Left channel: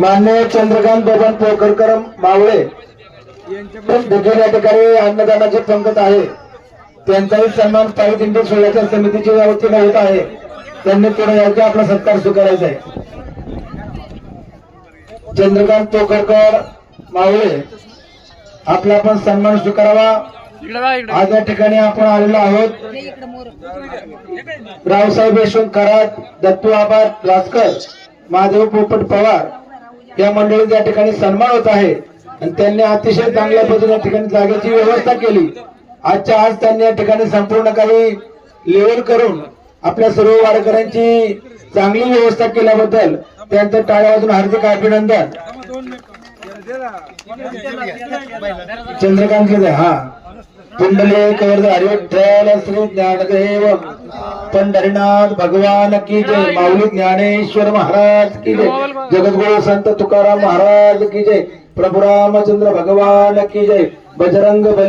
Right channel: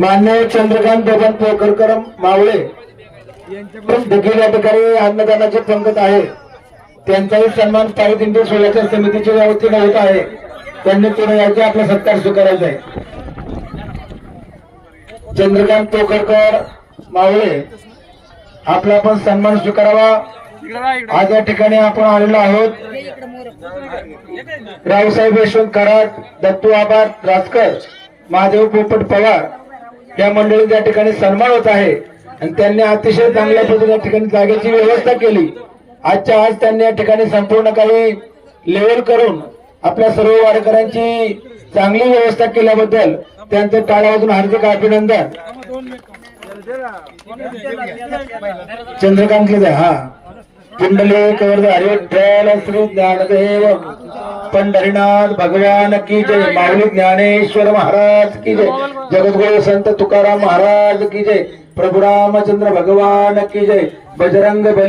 मान्य चंद्रकांत बबन पोकरकर मावळे देखील या ठिकाणी अन्नदानाची पंगत आहे. त्यांचाही सन्मान पायदिंडी सोयाच्या समितीच्या वतीने होत आहे. त्यांनी तुला यायचे आपला सत्कार स्वीकारायचा आहे. चंद्रकांत पोकरकर मावळे आपला पण सन्मान स्वीकारावा. आज या ठिकाणी आपण आलेलो आहोत. रावसाहेब यशवंत कराड दत्तू आबाद राजकर महादेव पोपट पवार या मंडळीचा या ठिकाणी सन्मान होत आहे. आणि त्यांनी अतिशय चांगल्या पद्धतीने या ठिकाणी जागेची व्यवस्था केली. आजच्या आज त्यांनी या ठिकाणी संपूर्ण काही लेवल करून आपल्या सर्व वाडकरांची चांगली व्यवस्था केल्याबद्दल त्यांचं टाळ्या वाजून हार्दिक अभिनंदन. चंद्रकांत केले हा. पुंडलिक हरिवठ्ठल श्री ज्ञानदेव. पंढरीनाथ भगवान की जय. माऊली ज्ञानेश्वर महाराज की जय. जगद्गुरु संत तुकाराम महाराज की जय। प्रभु रामचंद्र भगवान की जय। बजरंग बली